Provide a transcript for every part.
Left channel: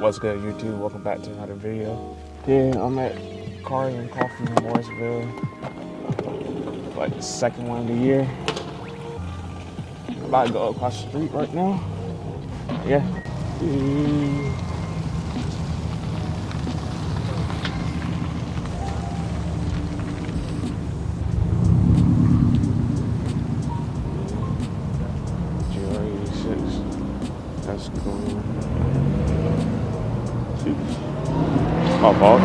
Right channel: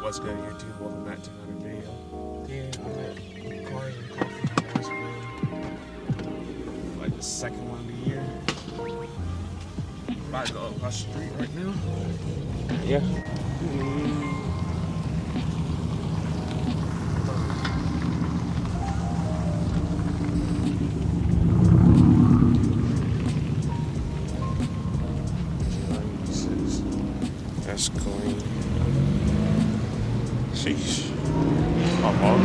What's good, YouTube? Welcome back to another video. Yeah, I'm at Cars and Coffee in Morrisville. Like the second one of the year. I'm about to go across the street right now. Yeah. That's cool. Sheesh. My fault.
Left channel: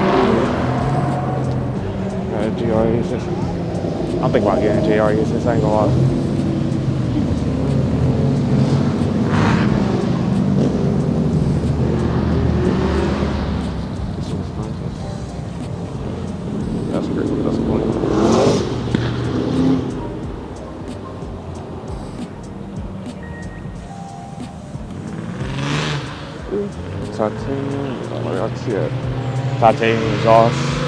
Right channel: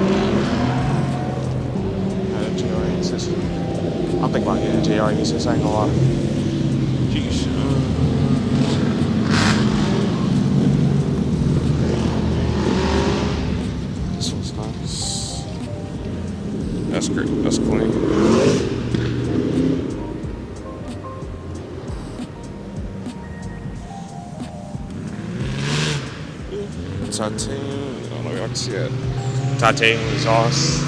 Yeah, GR86. I'm thinking about getting a GR86, I ain't gonna lie. Sheesh. This one's nice. That's great. That's clean. Titanium. I don't know if y'all can see that. Titanium exhaust.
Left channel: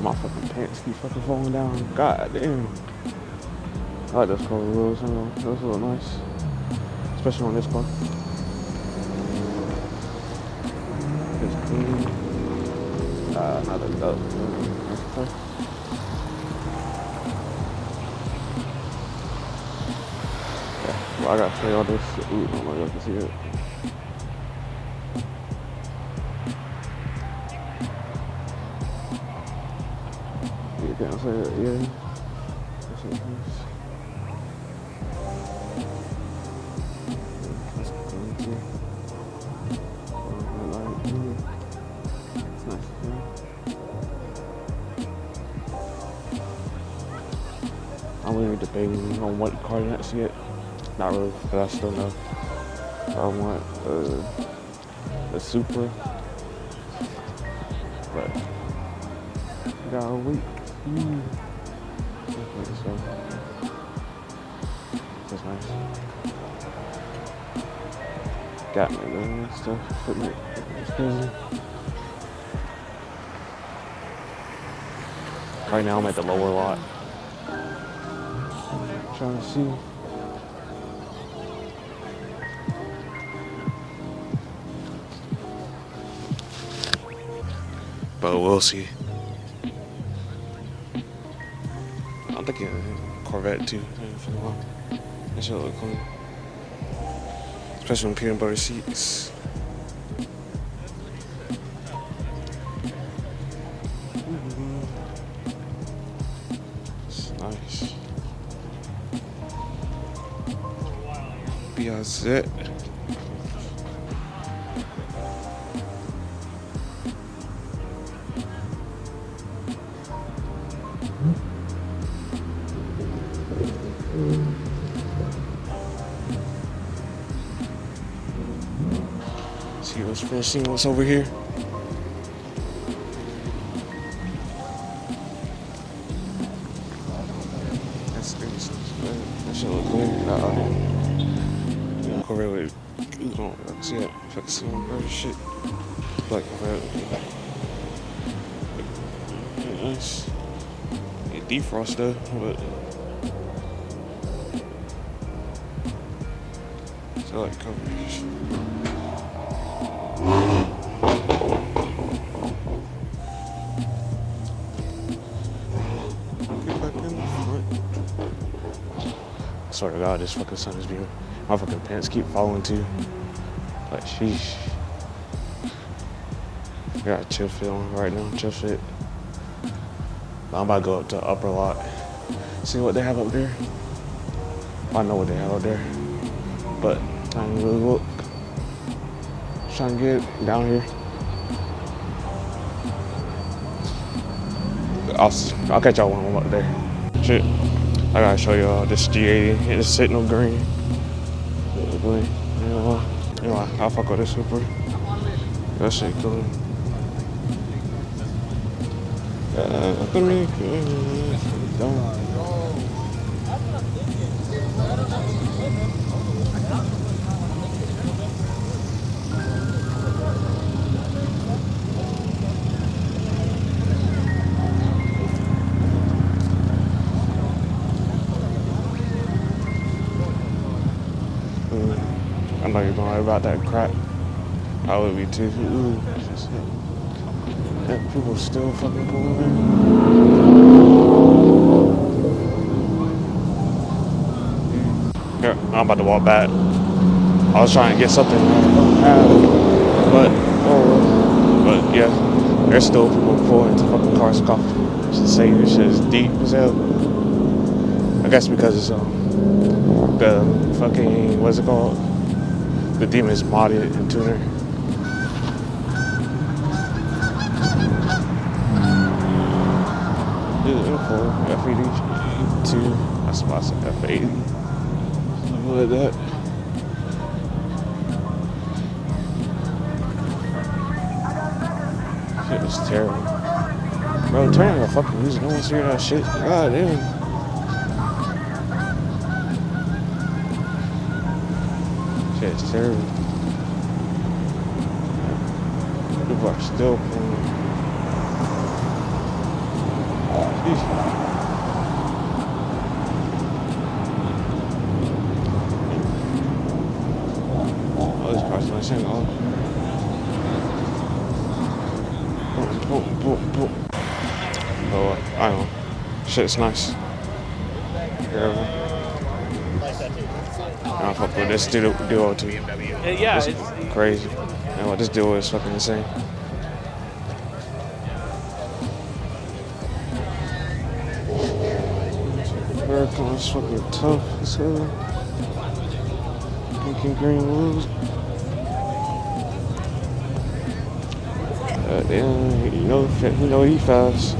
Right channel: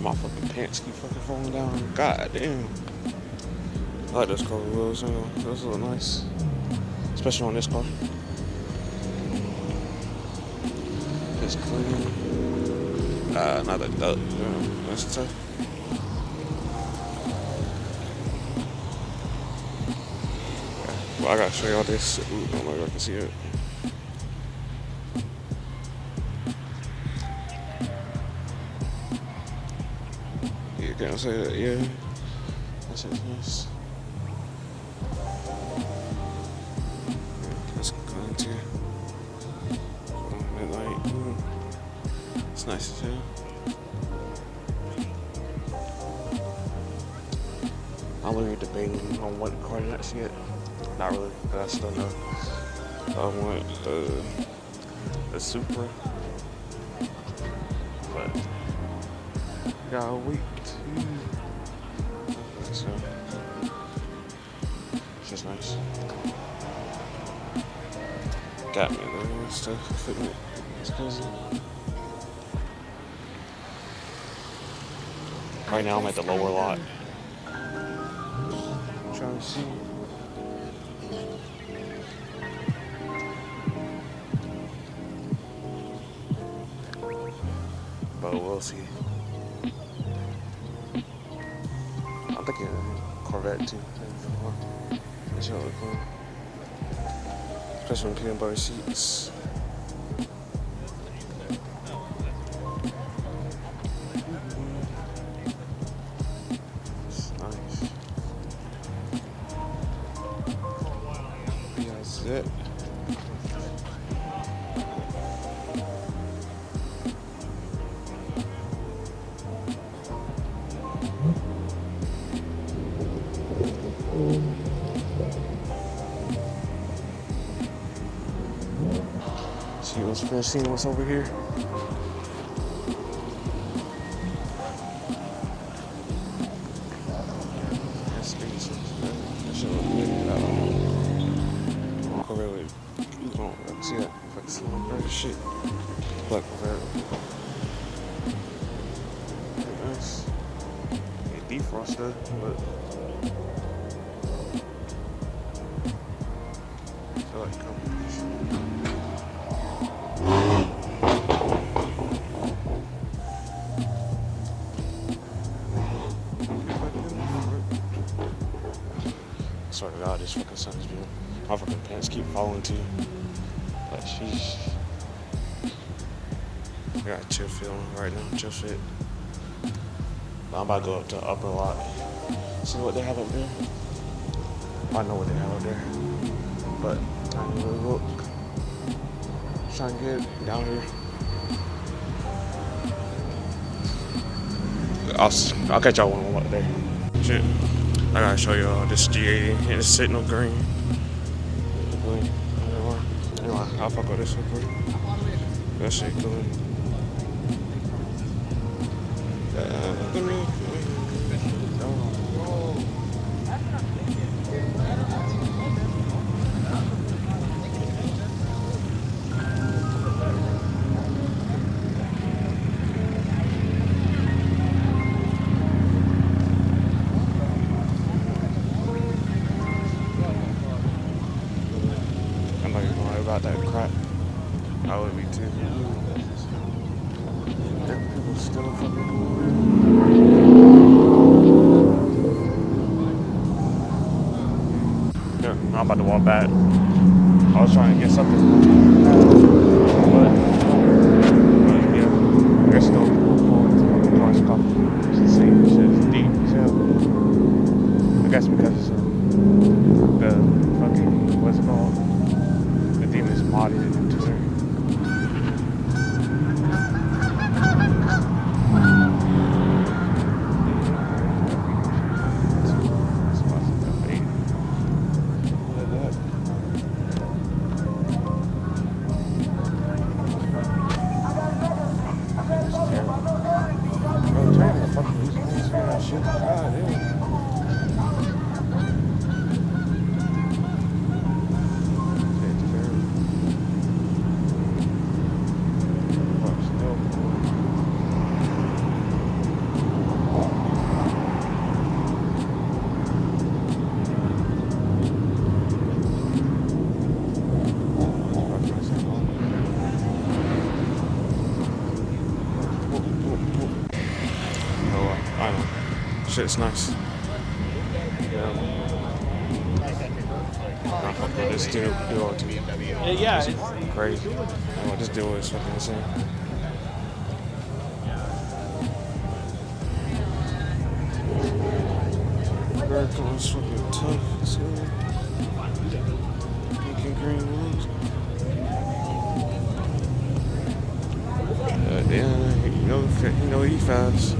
My fucking pants keep fucking falling down. God damn. I like those cover wheels. Those look nice. Especially on this car. It's clean. Nah, not a duck. This time. I gotta show y'all this. Ooh, I don't know if y'all can see it. Yeah, can I say that? Yeah. That's it. Nice. That's good too. It's nice as hell. I'm really debating on what car next to get. Not really, but I still know. I want a Supra, but I gotta wait. So, it's just nice. Got me man, stuff. Fit me. It's crazy. Right now I'm at the lower lot. Trying to see. But we'll see. I'm thinking Corvette too. That should look cool. Especially on peanut butter seats. It's nice. Piazzette. See what's over here. That shit look good. Walk over with. See it. If I can see all that shit. Like nice. It defrost though, but I like coverage. I swear to God, this fucking sun is beautiful. My fucking pants keep falling too. But sheesh. I got a chill fit on right now, chill fit. I'm about to go up to the upper lot. See what they have up there. I know what they have up there. But I don't really look. Trying to get down here. I'll catch y'all when I'm up there. Shit. I gotta show y'all this G80. It's sitting green. Yeah, I'll fuck with this super. That shit cool. Look at me. know you're going about that crap. I would be too. Ooh. If people still fucking pulling on. Yeah, I'm about to walk back. I was trying to get something, but yeah, there's still people pulling into fucking cars. It's insane. This shit is deep as hell. I guess because it's the fucking, what's it called? The demon is modded into there. F80 2. That's why I said F80. Something like that. Shit is terrible. Bro, turn on the fucking music. No one's hearing that shit. God damn. Shit is terrible. People are still playing. Oh, I don't know. Shit's nice. Terrible. I don't fuck with this duo too. Yeah. It's crazy. And what this duo is fucking insane. It's fucking tough as hell. Pink and green wheels. Damn, you know he fast.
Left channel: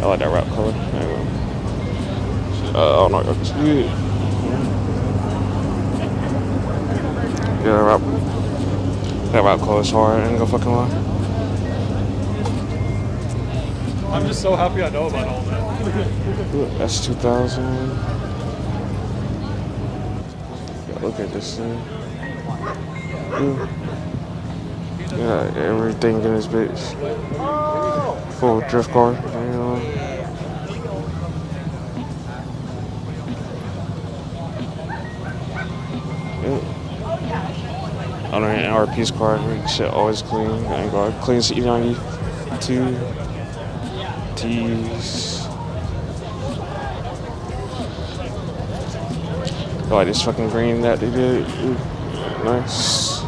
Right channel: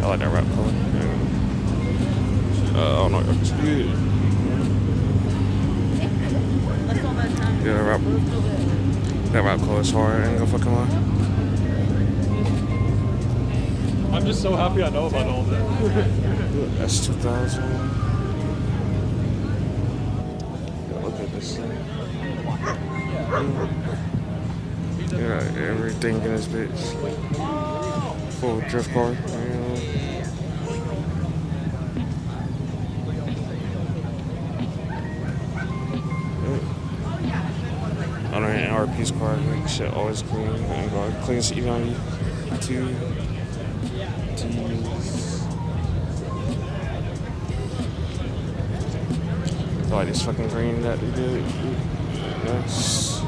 I like that rap color. Oh my god. Yeah, that rap color is hard. I ain't gonna fucking lie. I'm just so happy I know about all that. That's 2000. Look at this thing. Yeah, everything in this bitch. Full drift car. On an RP's car, make shit always clean. And go clean E90 2 T's. I like this fucking green that they did. Nice.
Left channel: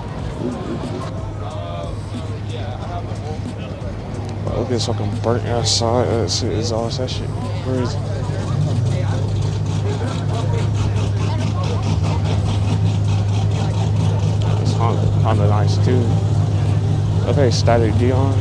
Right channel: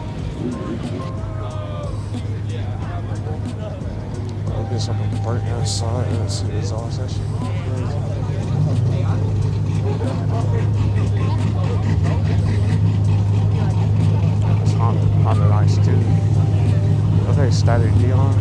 Look at this fucking burnt outside. Let's see the exhaust. That shit crazy. It's kinda nice too. Okay, static Dion.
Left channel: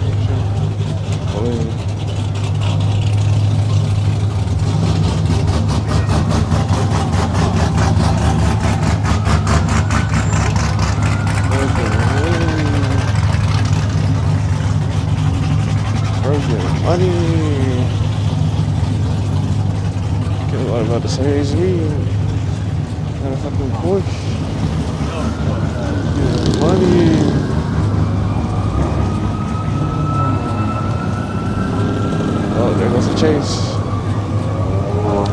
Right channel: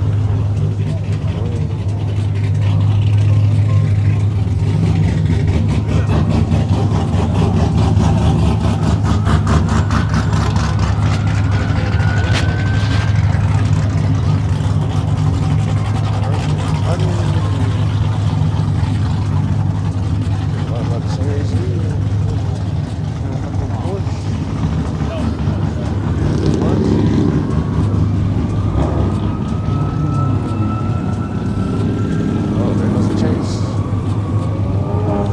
About to say is me. Got a fucking Porsche. Money. Oh, there goes the chase.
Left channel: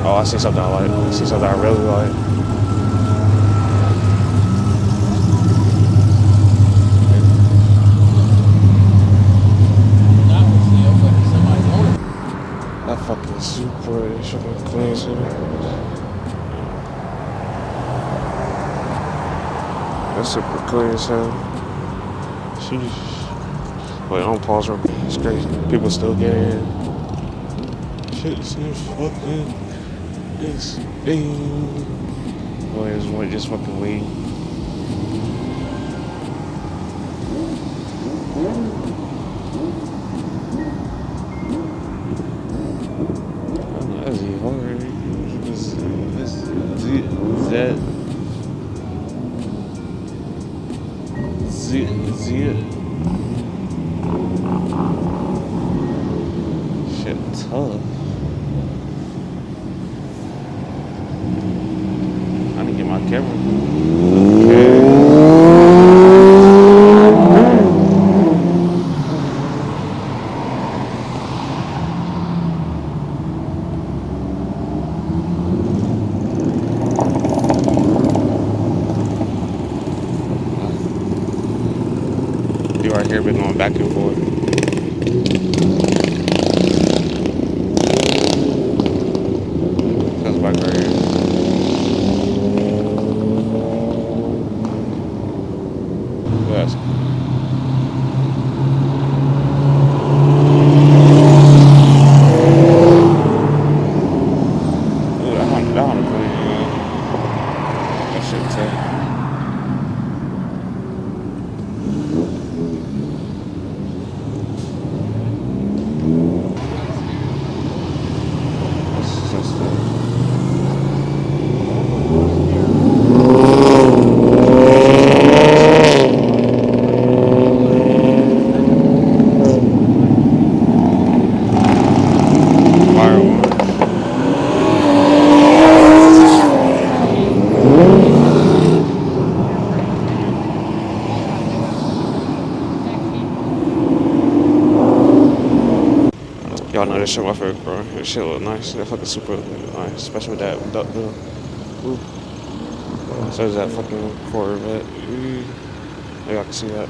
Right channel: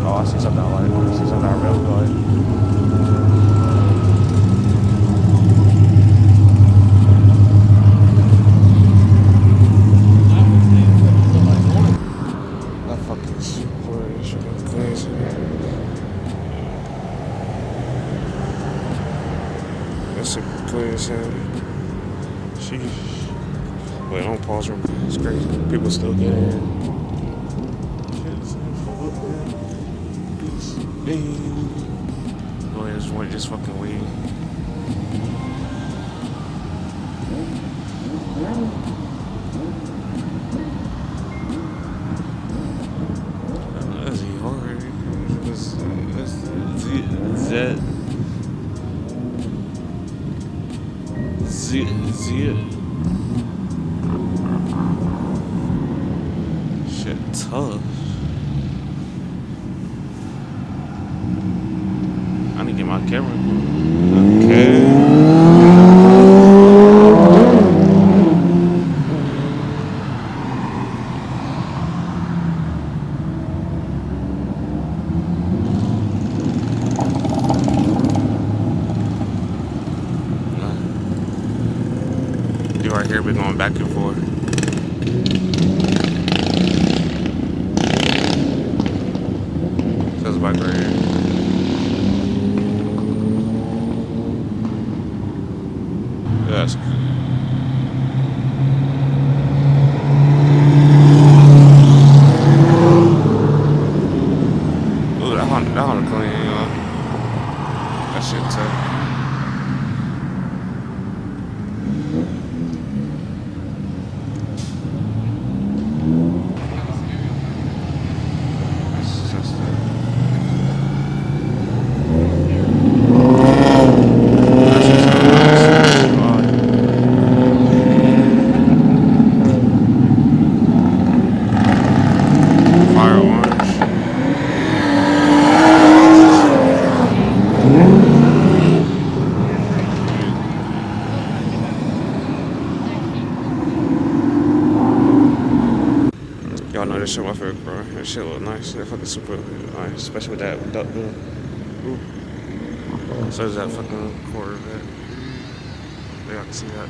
Oh, I see something I like. I see something I really like. That fucking super clean city. That's super clean as hell. Sheesh. Wait, I'm pause real quick. It's crazy. People still getting in. Shit, this new fucking insane. Oh, here's one just fucking weed. Shit, tough. I need to get my camera. Okay. shit look nice. That fucking super nice, especially with that duck door. So there's that fucking Corvette. Yeah, I can see that.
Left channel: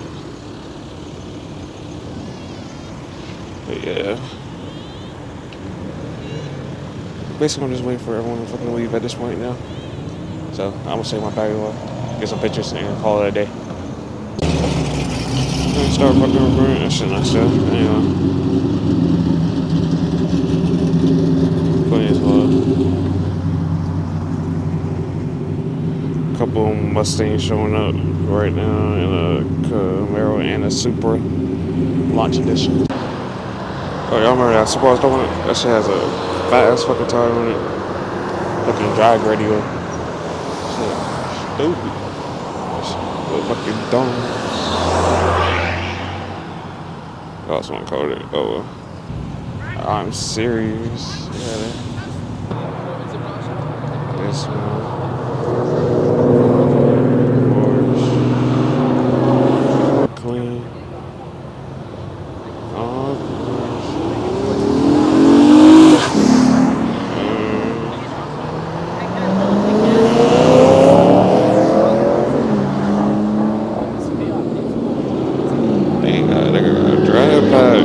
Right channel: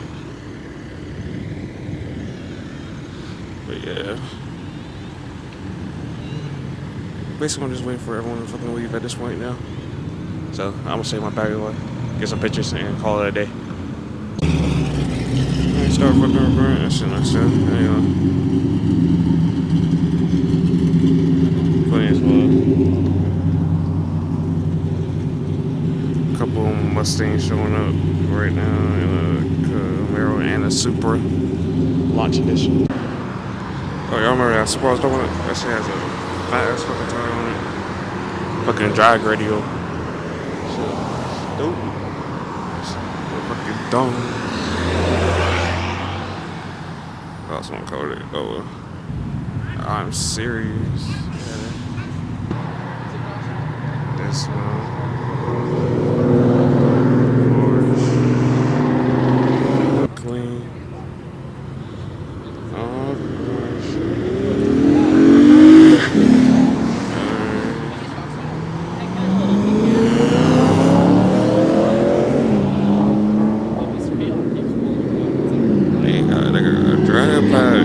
But yeah. Basically, I'm just waiting for everyone to fucking leave at this point now. So I'm gonna save my bag away, get some pictures, and call it a day. And start fucking recording that shit nice stuff. Anyway. Funny as well. Couple Mustangs showing up right now, and a Camaro and a Supra launch edition. Oh, y'all remember that Supra I was talking about? That shit has a fat ass fucking tire on it. Looking drag radio. So stupid. That shit fucking dumb. That's what I called it. Oh well. I'm serious. Yeah. This one. Clean. Oh, they got a drag pack.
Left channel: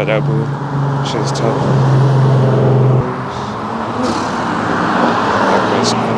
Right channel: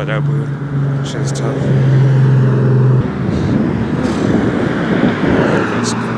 about that, bro. Shit's tough. That's cool.